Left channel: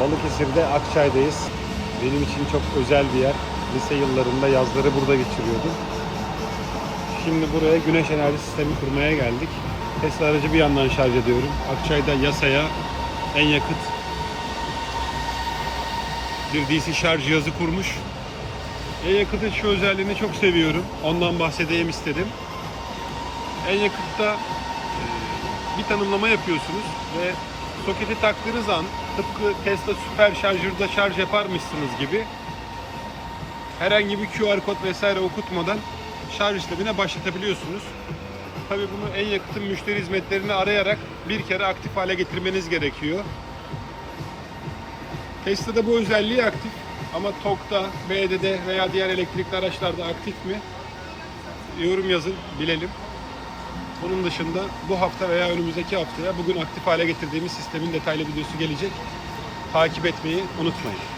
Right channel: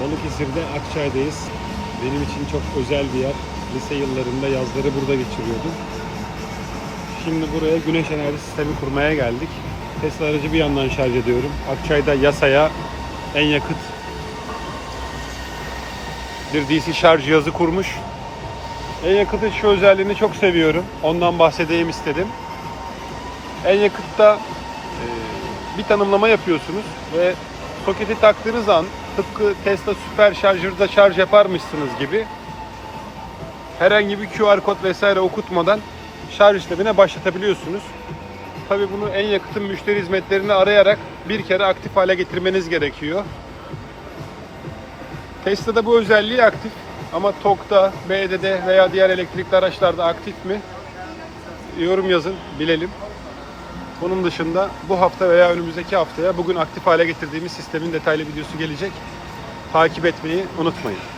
Balıkesir'de Akçay'dayız. Benim için çok özel bir yer. Lise yıllarında yazları burada geçiriyordum. Şimdi buraya güneş enerji sistemi kurmaya geldik. Tesla aracı bir yandan şarj ediyorum. Akçay'da yasaya en yakıt bir DC şarj cihazı kurmuş. En yakıtın şu özelliğini çok seviyorum. Ondan bahsedeyim istedim. En yakıtta e, bir tanımlama yapıyorsunuz ve soketi taktığınız an tıpkı Tesla süper şarjörde şarj yaparmışsınız gibi herhangi bir QR kod vesaire okutmadan şarj işlemine başlatabiliyorsunuz. Tabii bunu en yakıtın müşteri hizmetlerini arayarak bir kere aktif hale getirmeniz gerekiyor. Tesla'da bu özelliği aktif ama TOG'da, BD'de veya diğer elektrikli araçlarda aktif mi? Yorum yazın, bilelim. Bunun dışında bu hafta veya önümüzdeki haftaya bugün aktif hale getirdiğimiz sistemin detaylı videosu gelecek. Takip etmeyi unutmayın.